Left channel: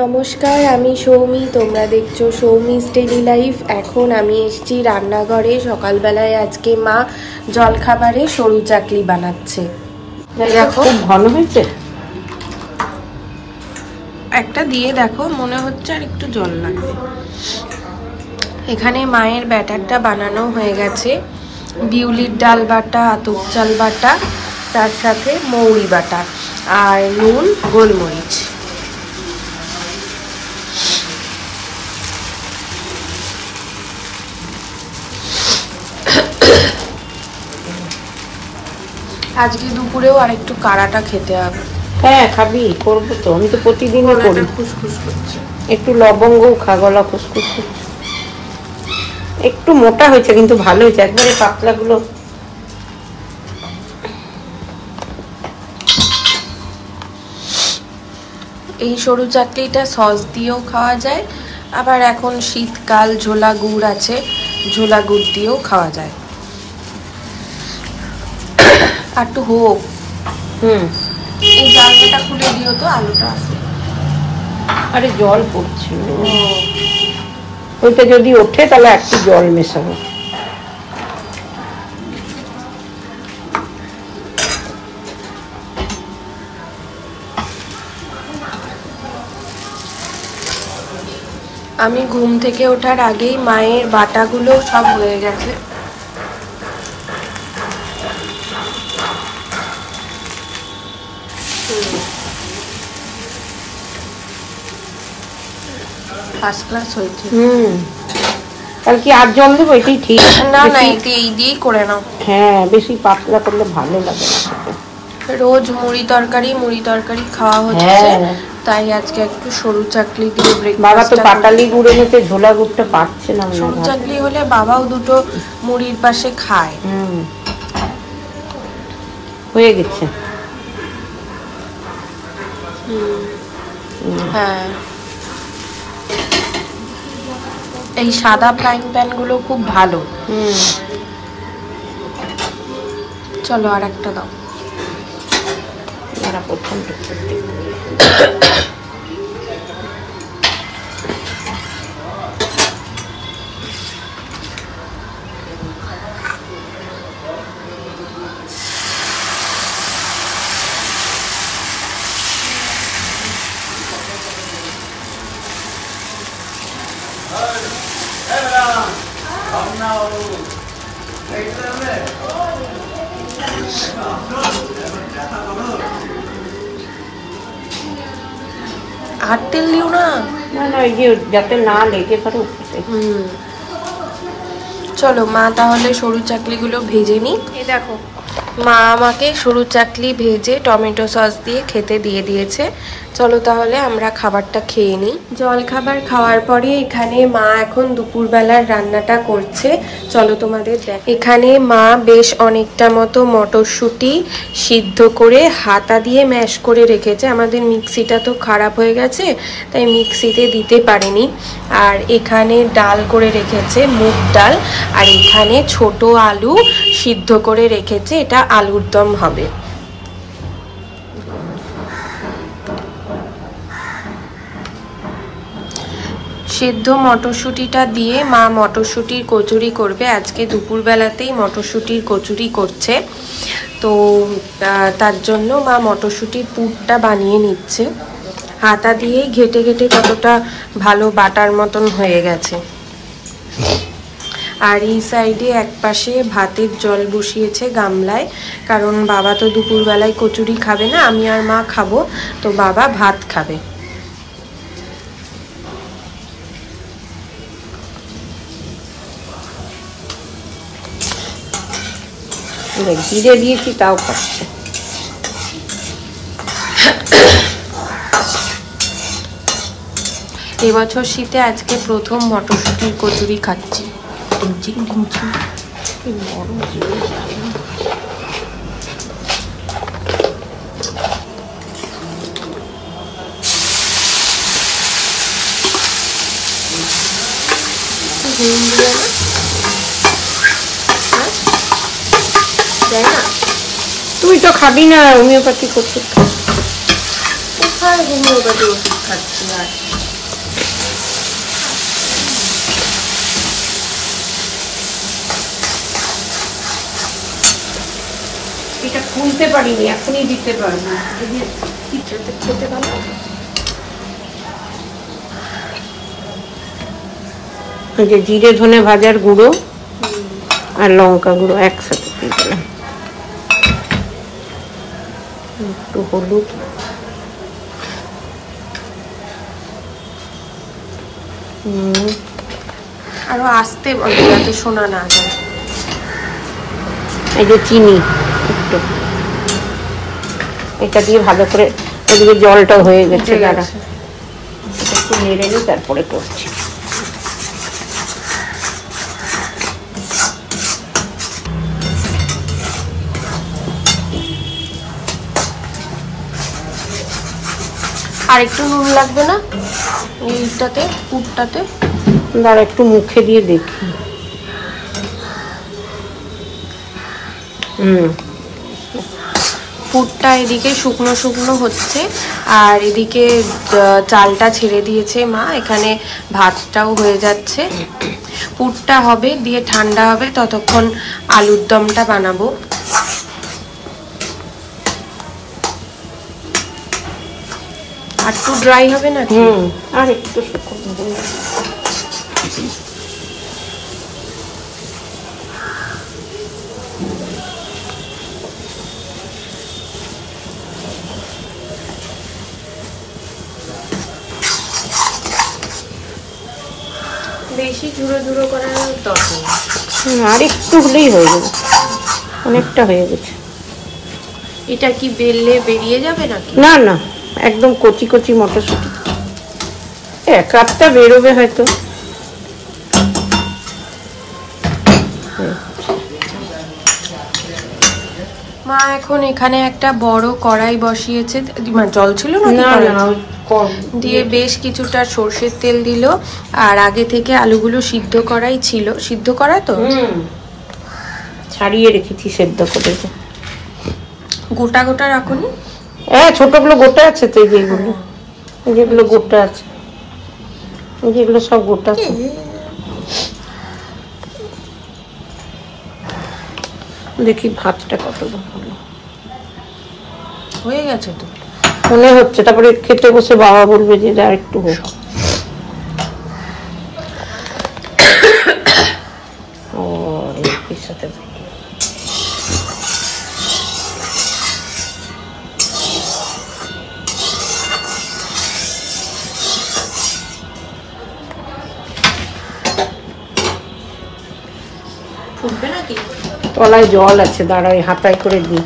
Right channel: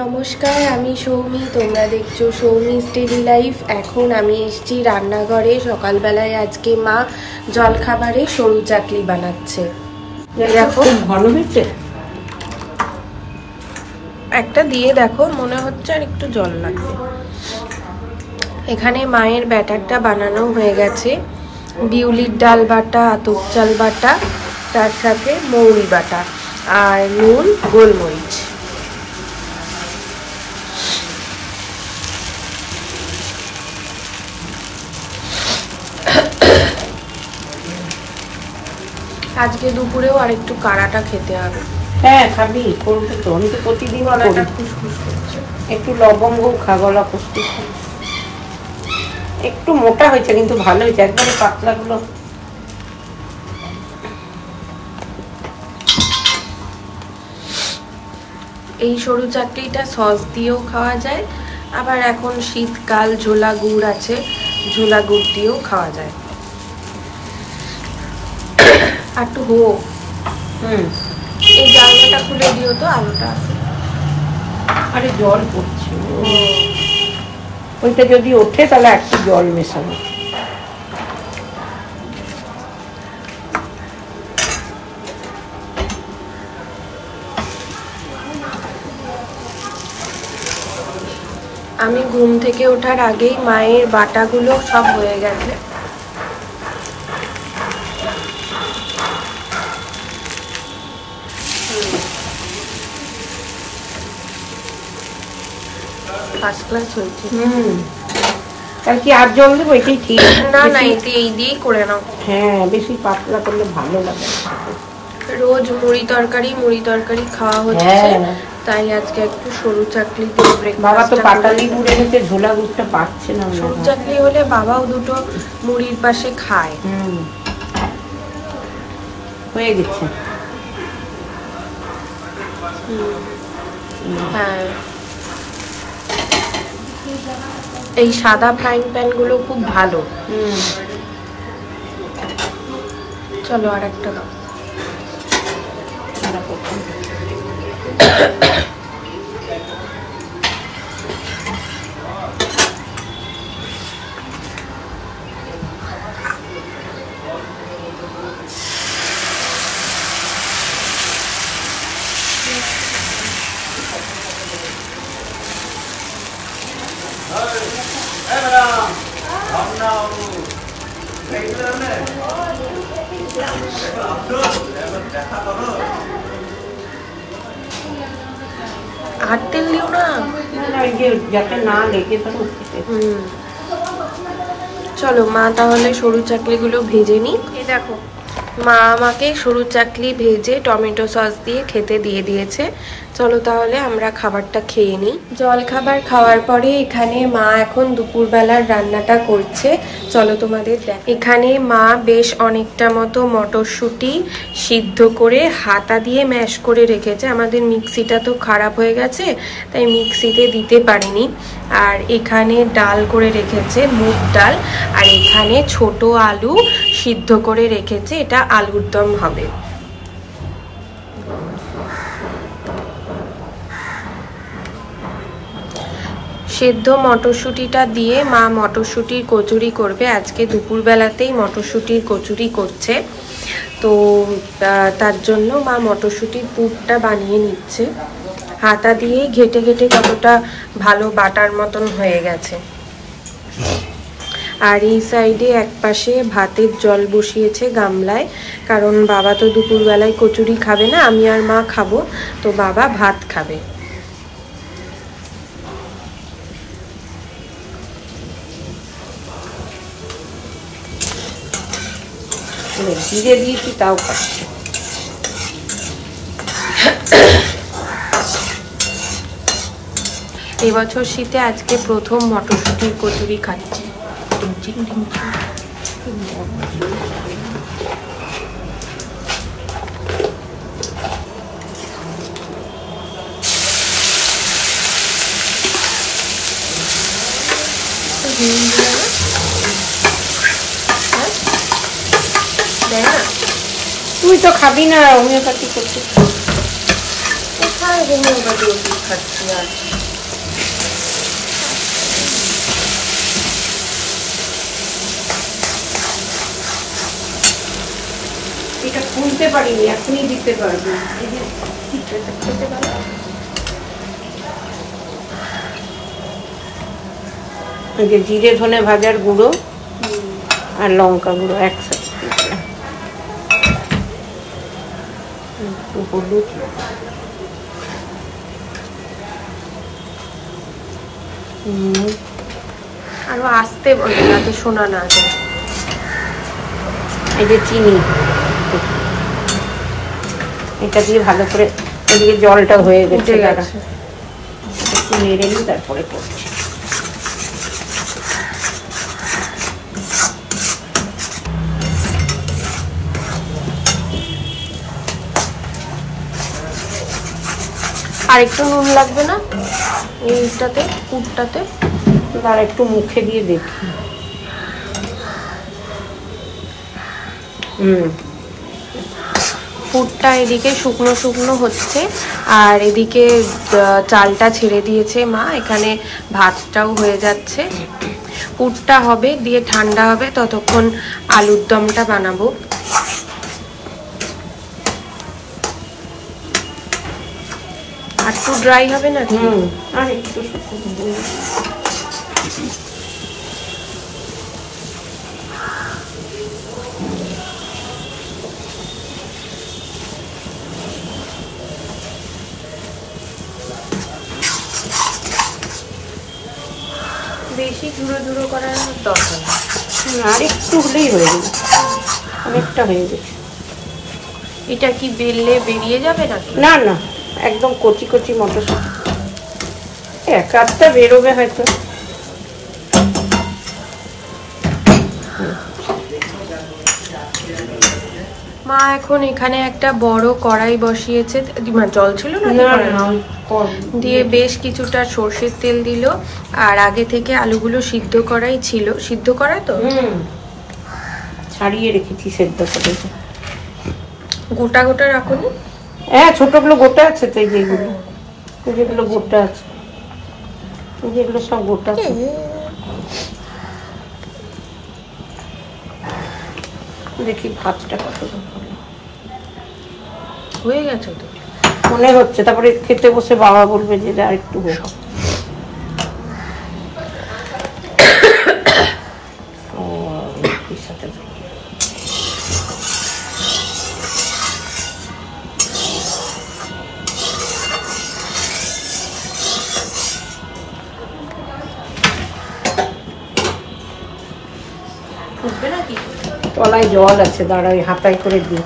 নমস্কার, আমি সৌমি। তোমরা দেখছো সৌমিস ডেইলি লাইফ। এখন আমি এসেছি রান্নাঘরে। সকালবেলায় আজকে মা জলখাবারে সরু চাকলি বানাচ্ছে। দেখো ভালো হয়েছে। একটা দিয়ে দেখো, মনে হচ্ছে আর একটু জল লাগবে। এখানে মায়ের ব্যাটারটা বানানো হয়ে গেছে। বিউলির ডাল বাটা, আতপ চাল বাটা, তার সাথে মৌরি বাটা আর নুন, গোলমরিচ। আজকে দুপুরেও আর একটু কাড়াটা খেতে হবে। হ্যাঁ খাবি, করবো তো। আমি তো প্রতিদিন গলাটা খুসখুস করছে। একটু লবঙ্গ খা, গলা খুসখুস করছে। একটু মোটা হয়েছে কিন্তু ভালো হয়েছে, একবারে পাতলা গুলো। এই সরু চাকলিটা সস দিয়েও খাওয়া যায়, আবার এখন শীতকাল ঝোলা গুড় আছে, ঝোলা গুড় দিয়েও খাওয়া যায়। আর একটু হোক। এই জানলাটা খুলে দিও তো, আলোটা আসুক। আরে জল পড়ছে, ওইটা যদি ওঠে তাহলে একটু জল মেশাবো। আমি ঘুম থেকে ওঠার আগেই মায়ের বাটাগুলো সব হয়ে গেছে। ফার্স্ট ক্লাস হয়েছে। তাহলে কি আর জল দেবো? এটাই ঠিক। না না, এটা এই দিয়েই করে নাও। হ্যাঁ, বেশি পাতলা করলে ভালো লাগে। রোজ মুড়ি তরকারি খাওয়া হচ্ছে, তাই আজকে একটু সরু চাকলি দিয়ে ব্রেকফাস্টটা করি। পাটালি গুড়ে নিতে ঝোলা গুড়টা পাচ্ছে না। সরু চাকলি হলে বাবাও দুটো মুড়ির পাশে খায়। হয়ে গেছে। হ্যাঁ, এই সাদা ফ্রাইং প্যান গুলো খুব ভালো। চলো আর একটা দাও। আর তেল দিও না, যাতে না লেগে ধরো। চলো মা তাহলে সরু চাকলিগুলো ভেজে নি। এই দেখো, মা আমাকে সরু চাকলি ভেজে টমেটো সস দিয়ে খেতে দিয়ে দিয়েছে। চলো তাহলে আমরা খাবারটা খেয়ে নিই। জল খাবার খাওয়ার পরে এখানে মা এখন দুপুরবেলার রান্নাটা করছে। চলো তোমাদের দেখ। এখানে মা বেশ অনেকটা মতো মটরশুঁটি সিদ্ধ করে হাতা দিয়ে ম্যাশ করে রেখেছে। আমাদের মিক্সিটা তো খারাপ হয়ে গেছে, তাই মিক্সিতে দিতে পারিনি। আর এখানে ডাল করে রেখেছে, মুগ ডাল। আর এখানে ছোট আলু সিদ্ধ করে রেখেছে, এটা আলুর দম হবে। সেদ্ধ মটরশুঁটিটা দিয়ে মা মটরশুঁটির কচুরি করবে। আজকে দুপুরবেলাতেই মটরশুঁটির কচুরি করছে, তো তার জন্য মা মটরশুঁটির পুরটা বানিয়ে নিচ্ছে। হাতা দিয়েই ঘেটে ঘেটে কতটা ভালো বাটার মতন হয়ে গেছে। আর এই সাইডে একপাশে ভাতের জল বসিয়েছে গামলায়, কারণ বাবা তো দুপুরবেলায় কচুরি খাবে না, আমি আর মা খাবো, তো বাবা ভাত খাবে। জিরে দিয়েছি তাও পাচ্ছে। এবছর শীতে আজকে প্রথম মটরশুঁটির কচুরি খাচ্ছি। তুই তো খাবি না, হোমিওপ্যাথি করছিস। হ্যাঁ, হোমিওপ্যাথি ওষুধ খাচ্ছি। আর এটা খুলতে পারিনি, এখনই দিতে পারবো। কিছুতে খেতে পারো। যে জিরে ধনে ভাজার গুঁড়ো আর লঙ্কা গুঁড়ো একসাথে দিয়ে দিলাম, একটু হলুদ, আরো আস্তে বলো যাতে শোনা না যায়। এই যে চিনি, এটা দিয়ে ভালো করে জলটা হয়ে গেছে, একটু নেড়ে নিই তারপরে করছি। আর একটু নুন লাগবে না এইটাতে, পুরটাতে? দাঁড়া একটু মুখে দিয়ে দেখি। পুরটা এদিকে শুকনো শুকনো হচ্ছে, আর এদিকে চালটা ছেড়ে দিয়েছে মা, এখানে ভাতটাও হয়ে যাচ্ছে। পুরটা হবে, দিয়ে ঠান্ডা হবে, ততক্ষণ আলুর দমটা বানাবো। আর একটু ড্রাই হবে না? আর একটু শুকনো। বেশি ঝুড়ো ঝুড়ো করার দরকার নেই, আর একটু হলেই হয়ে যাবে, অনেকটা হয়ে গেছে। এটা কি বেললে বেরিয়ে যাবে নাকি? না না, একদম কচি কচি মটরশুঁটি, এক আধটা বেরোবে হয়তো। মা এখন এখানে একটা বড় কড়াই বসিয়েছে, জল ছিল না দিয়ে বেশ কিছুটা সর্ষের তেল দিল, আর আগে থেকে আলুগুলো সিদ্ধ করাই ছিল। সিদ্ধ করা তো ছাড়িয়ে রেখেছি সেদ্ধ করে। গোটা গোটা রাখুনি? হ্যাঁ, ছোটগুলো গোটা আছে তো, যেগুলো যেগুলো গোটা আছে, যেগুলো সব গোটা। দেখি ভাতটা কত হয়ে গেছে তো মনে হচ্ছে। তারপরে খেতে বসে বাবা বলবে যে আর একটু সব ফুটবে নাকি? তলায় জল আছে, দাঁড়াই হাতায় করে দিই।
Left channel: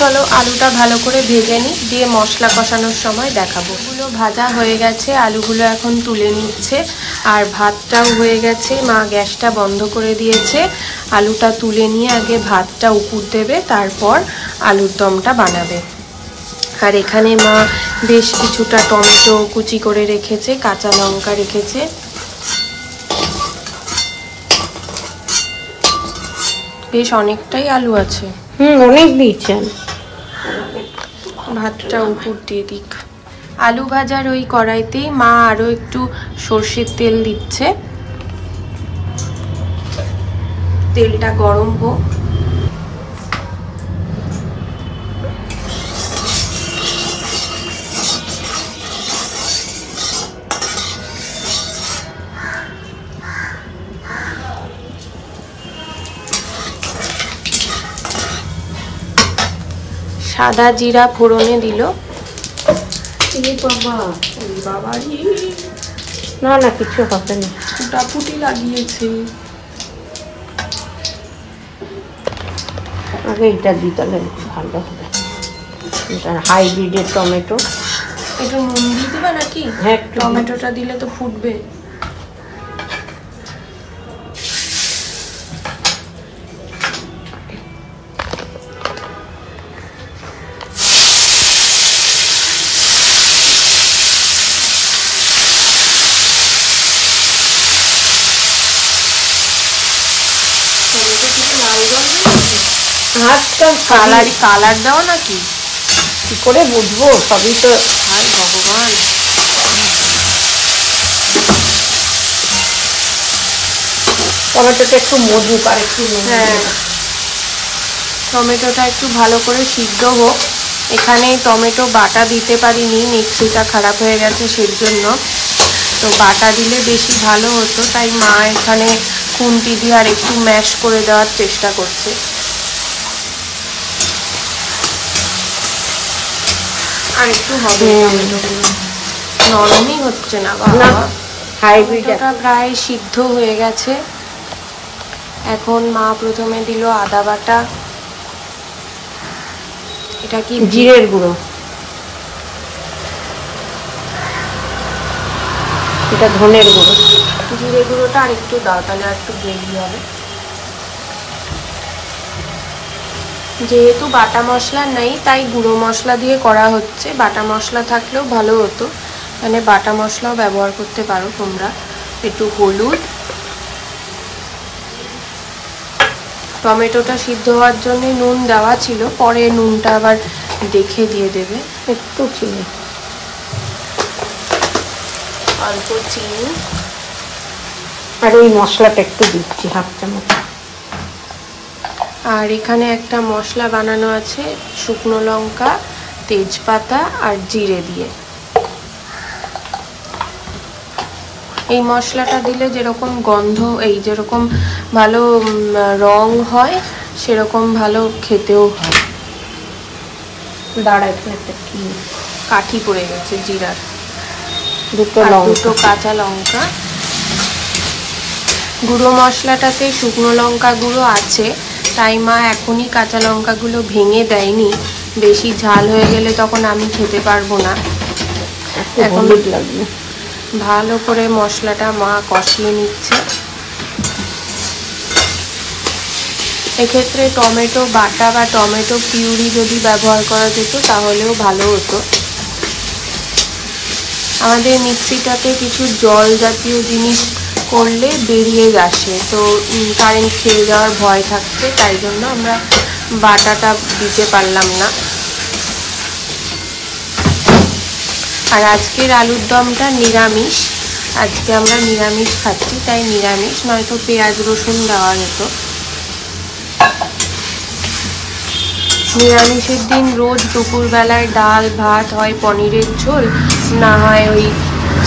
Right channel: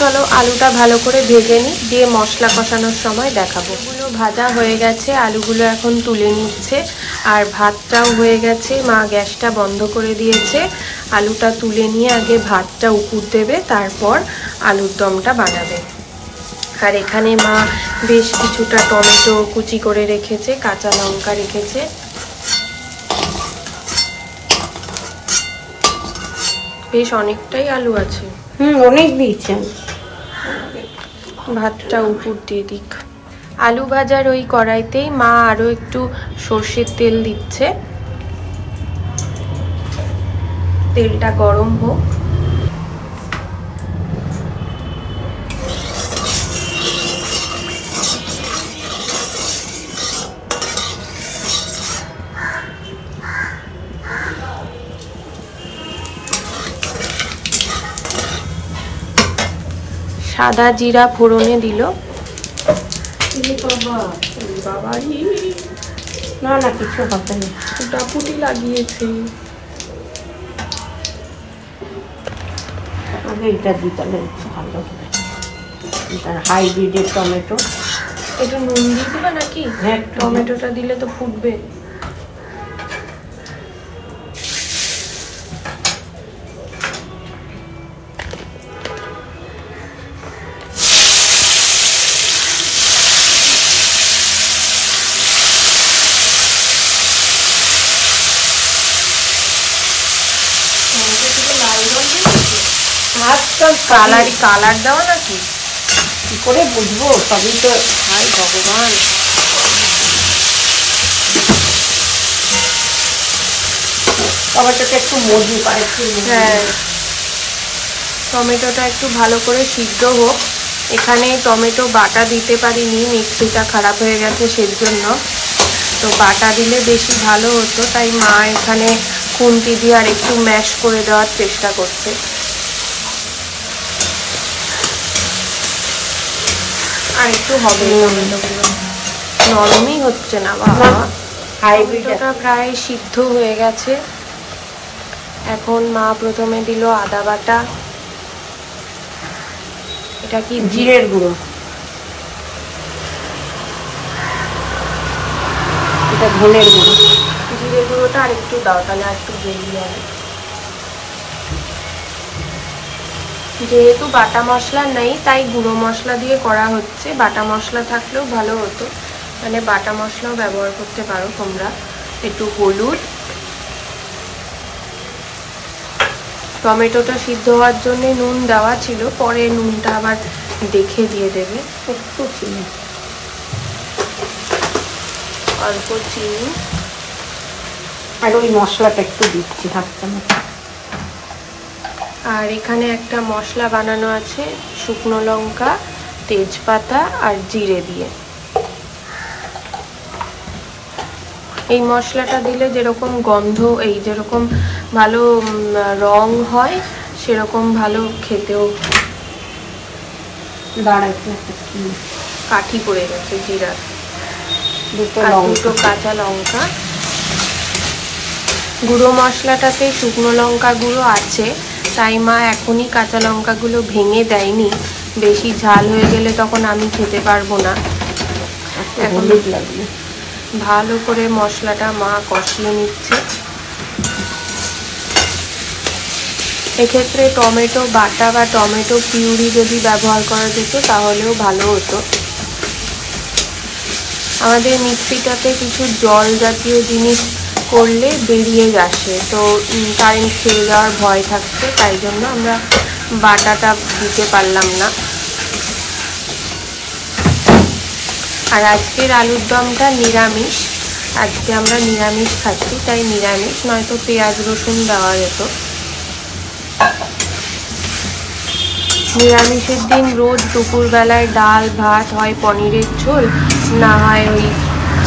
চলো আলুটা ভালো করে ভেজে নিই, দিয়ে মশলা কষানোর সময় দেখাবো। এগুলো ভাজা হয়ে গেছে, আলুগুলো এখন তুলে নিচ্ছে, আর ভাতটাও হয়ে গেছে। মা গ্যাসটা বন্ধ করে দিয়েছে। আলুটা তুলে নিয়ে আগে ভাতটা উপর দেবে, তারপর আলুর দমটা বানাবে। আর এখানে মা বেশ কিছুটা টমেটো কুচি করে রেখেছে, কাঁচা লঙ্কা রেখেছে। বেশ অনেকটাই আলু আছে। অনেক দিয়েছে। ভাতটা উপর দিয়ে দিক। আলু ভাজার ওই কড়াইতেই মা আরো একটু সর্ষের তেল দিচ্ছে, তেলটা গরম হোক। সাদা জিরা ফোড়নে দিল। না না কিছু হবে না, ফুটাফুটি লাগিয়েছে। আগে এটা দিই তাহলে ভালো হবে। এটা হাইব্রিডের টমেটো। একটু নুন দিয়ে দিবা নাকি? হ্যাঁ, টমেটোটা দিলে তো ফুটবে। কালার দেওয়া নাকি? কি করে বুঝবো, সবই তো। হাই ভগবান, টমেটোটা একটু মজুক আর একটু। হ্যাঁ, টমেটোটা একটু ভালো করে সিদ্ধ হোক। এখানে টমেটো বাটা দিতে পারিনি, মিক্সিটা খারাপ হয়ে গেছে সেজন্য। তো বাটা দিলে বেশি ভালো হতো, তাই মা এখানে খুন্তি দিয়ে আর একটু ম্যাশ করে দেওয়ার চেষ্টা করছে। আর একটু হবে, টমেটোগুলো নরমই হচ্ছে না বাবা। টমেটোটা প্রায় সিদ্ধ হয়ে গেছে। এখন মা প্রথমে দিল আদা বাটা। এটা কি জিরের গুঁড়ো, এটা ধনের গুঁড়ো। জিরে গুঁড়োটা আর একটু দাও, তাহলে আর একটু গ্রেভি হবে। যেহেতু বাটা মশলা নেই তাই গুঁড়ো মশলা দিয়ে করা হচ্ছে। বাটা মশলা থাকলেও ভালো হতো, মানে বাটা মশলাও ব্যবহার করতে পারো তোমরা। একটু হলুদ, টমেটোটা সিদ্ধ হওয়ার জন্য নুন দেওয়া ছিল, পরে নুনটা আবার দেখে দিয়ে দেবে। একটু চিনি, অল্প চিনি, আর ওই মশলাটা একটু দিচ্ছি হাফ চামচ। আর এখানে একটা মশলা বানানো আছে শুকনো লঙ্কা, তেজপাতা আর জিরে দিয়ে। এই মশলাটা দিলে যেরকম গন্ধ, এই যেরকম ভালো রং হয়, সেরকম ভালো খেতেও। দাঁড়া, এখানে একটা কি কাঠি পড়ে গেছে জিরার। আর দুটো কাঁচা লঙ্কা। গুঁড়ো মশলাটাতে শুকনো লঙ্কা গুঁড়ো আছে, তাই মা এখনই কাঁচা লঙ্কাগুলো ভেঙে দেয়নি। বেশি ঝাল হয়ে গেলে তখন আমি খেতে পারবো না। এখন ভালো করে মশলাটা মা কষিয়ে নিচ্ছে। এক্ষেত্রে টমেটো বাটা বা টমেটো পিউরি যদি ব্যবহার করা যেত তাহলেও ভালো হতো। আমাদের মিক্সিটাতে কিছু জল জাতীয় জিনিস করলে বেরিয়ে আসে, তো কারেন্ট খেয়ে যাওয়ার ভয় থাকছে, তাই জন্য আমরা বাটাটা দিতে পারলাম না। আর আজকের আলুর দমটা নিরামিষ, আজকে আমরা নিরামিষ খাচ্ছি, তাই নিরামিষ, নয়তো পেঁয়াজ রসুন দেওয়া যেত। নিরামিষের দিন রোজ দুপুরবেলায় ডাল ভাত, হয় পনিরের ঝোল, না হয় ওই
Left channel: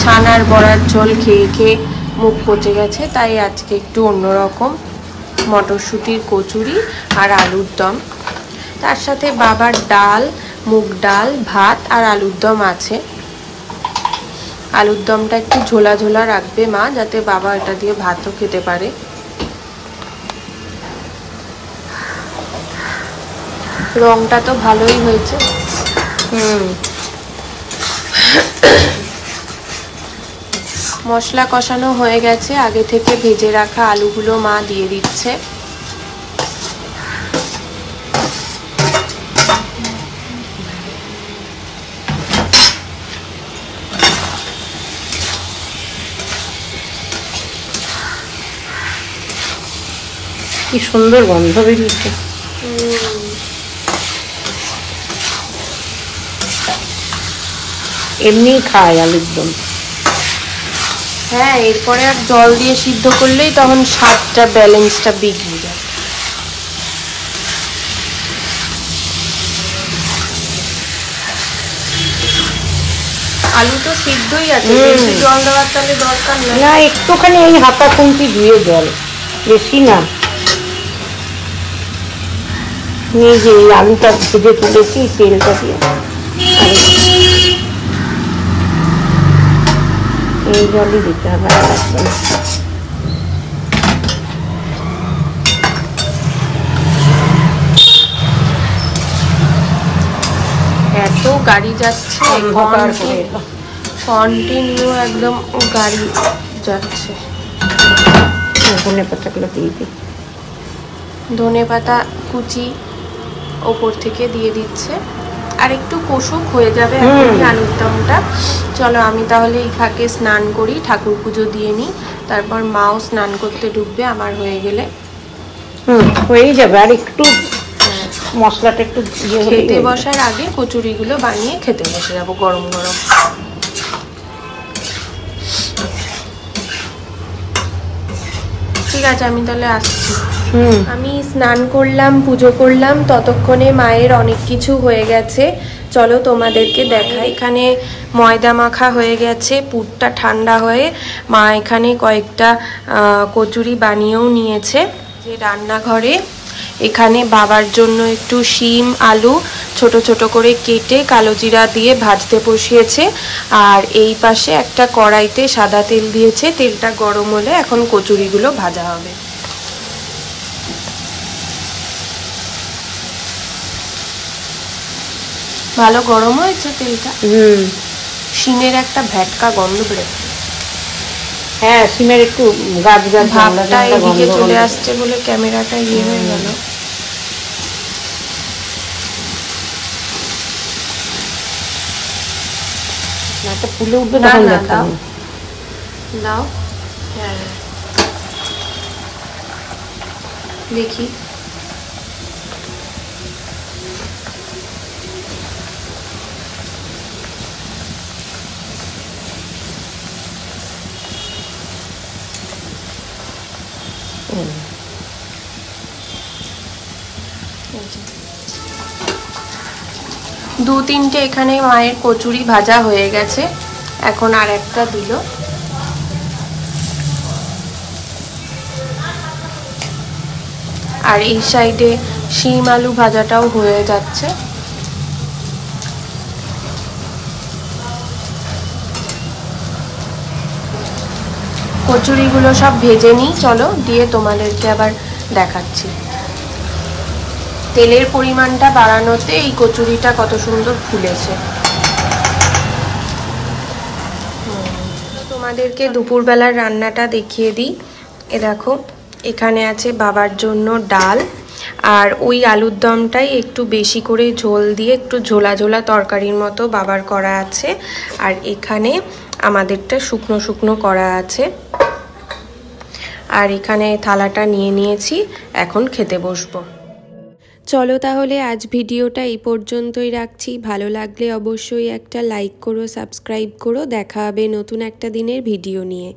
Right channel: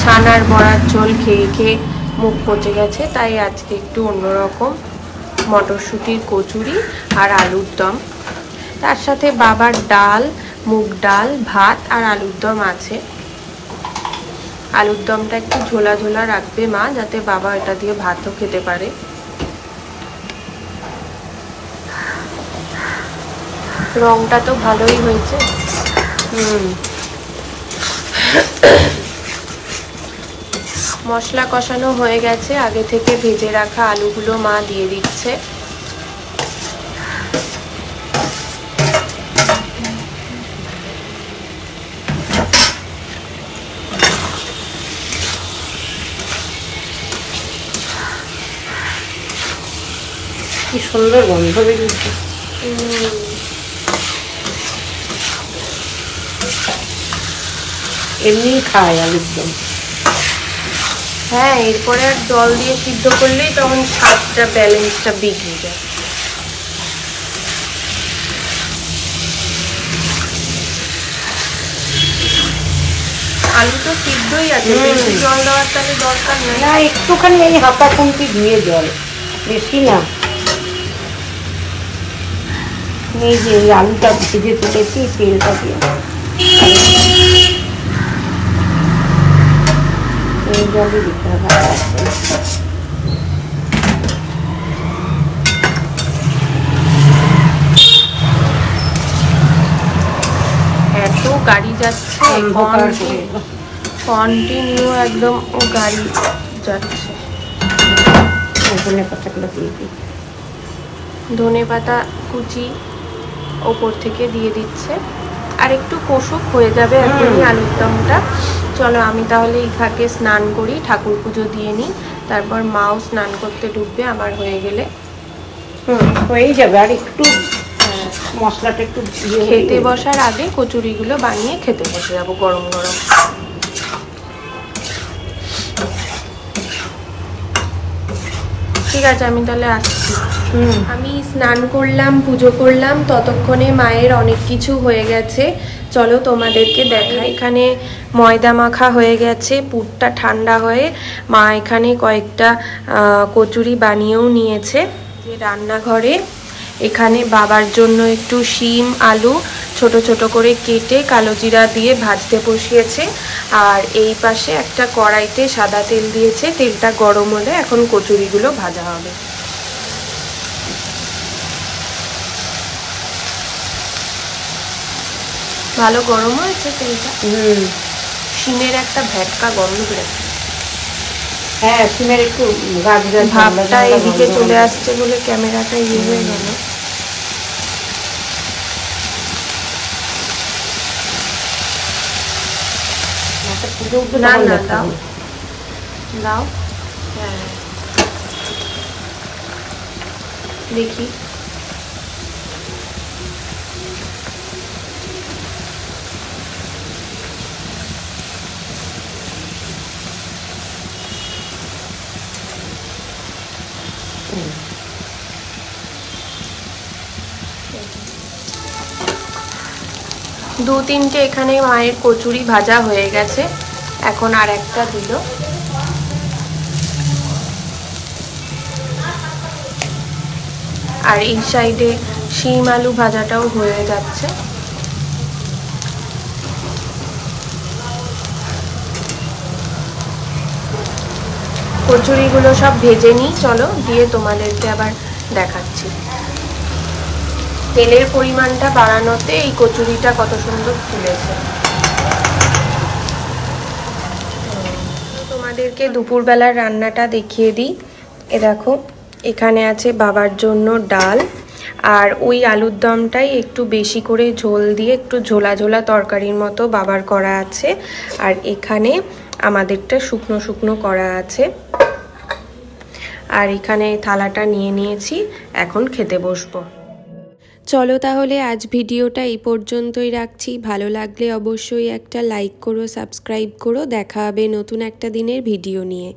ছানার বড়ার ঝোল খেয়ে খেয়ে মুখ পচে গেছে, তাই আজকে একটু অন্যরকম। মটরশুঁটির কচুরি আর আলুর দম, তার সাথে বাবার ডাল, মুগ ডাল, ভাত আর আলুর দম আছে। আলুর দমটা একটু ঝোলা ঝোলা রাখবে মা, যাতে বাবা এটা দিয়ে ভাতও খেতে পারে। রংটা তো ভালোই হয়েছে। মশলা কষানো হয়ে গেছে, আগে থেকে ভেজে রাখা আলুগুলো মা দিয়ে দিচ্ছে। কি সুন্দর গন্ধ বেরিয়েছে। এমনি খায় আলুর দম। হ্যাঁ, এরপরে আর জল দিয়ে সিদ্ধ করলেই তখন স্বাদটা, ব্যালেন্সটা বিগড়ে যায়। আলু তো সিদ্ধই আছে, বেশি জল দেওয়ার তাহলে দরকার নেই। না, একটুখানি ওই হাতা খুন্তি ধুয়ে জল, বেশি না। এই যে আলুটা ভেজে তুলেছি তেলটা দিয়ে এইভাবে দিতে হবে। এত গাড়ি যাচ্ছে, কন্টিনিউ একদম গাড়ি যাচ্ছে। ধনে পাতাগুলো দিয়ে দিই, ধনে পাতা কুচি ওপর থেকে দিয়ে দিচ্ছে। আর একটু কষুক হয়ে যাবে এখনই আলুর দমটা। চলো আমি তাহলে এই ফাঁকে স্নান করি, ঠাকুর পুজো দিয়ে নিই, তারপর মাও স্নান করতে ঢুকবে আমার হয়ে গেলে। হয়েই যাবে। আর একটু মশলাটা একটু খেতে বসার আগে কচুরিগুলো বানিয়ে খেতে বসে যাবো গরম গরম। ঠিক আছে, আমি তাহলে আসছি। আমি স্নান করলাম, পুজো করলাম, ততক্ষণে মায়ের অনেক কিছু হয়ে গেছে। চলো তোমাদেরকে দেখাই। এখানে ময়দা মাখা হয়ে গেছে, পুরটা ঠান্ডা হয়ে মা এখানে কয়েকটা কচুরি বানিয়েও নিয়েছে। যে রান্নাঘরে এখানে বাবার জন্য একটু শিম আলু ছোট ছোট করে কেটে কালো জিরা দিয়ে ভাজতে বসিয়েছে। আর এই পাশে একটা কড়াইতে সাদা তেল দিয়েছে, তেলটা গরম হলে এখন কচুরিগুলো ভাজা হবে। ভালো গরম হয়েছে তেলটা। শিমের একটা ভ্যাটকা গন্ধ বেরোচ্ছে। হ্যাঁ, শিমের একটু গাছ গাছ ভাবটা এদিকে চলে আসছে বলে ক্যামেরাটা ইয়ে হয়ে গেল। না না, দাও দাও। হ্যাঁ দেখি। দু তিনটে এখানে মায়ের কচুরি ভাজা হয়ে গেছে, এখন আর একটা দিল। আর এই সাইডে শিম আলু ভাজাটাও হয়ে যাচ্ছে। কচুরিগুলো সব ভেজে নিই, চলো দিয়ে তোমাদেরকে আবার দেখাচ্ছি। তেলের পরিমাণটা বাড়ানোতে এই কচুরিটা কত সুন্দর ফুলেছে। তোমাদেরকে দুপুরবেলার রান্নাটা দেখিয়ে দিই। এ দেখো, এখানে আছে বাবার জন্য ডাল, আর ওই আলুর দমটাই একটু বেশি করে ঝোল দিয়ে একটু ঝোলা ঝোলা তরকারির মতো বাবার করা আছে। আর এখানে আমাদেরটা শুকনো শুকনো করা আছে। আর এখানে থালাটা নিয়ে নিয়েছি, এখন খেতে বসবো। চলো তাহলে আজ ভিডিওটা এই পর্যন্তই রাখছি। ভালো লাগলে অবশ্যই একটা লাইক করো, সাবস্ক্রাইব করো। দেখা হবে নতুন একটা দিনের ভিডিও নিয়ে।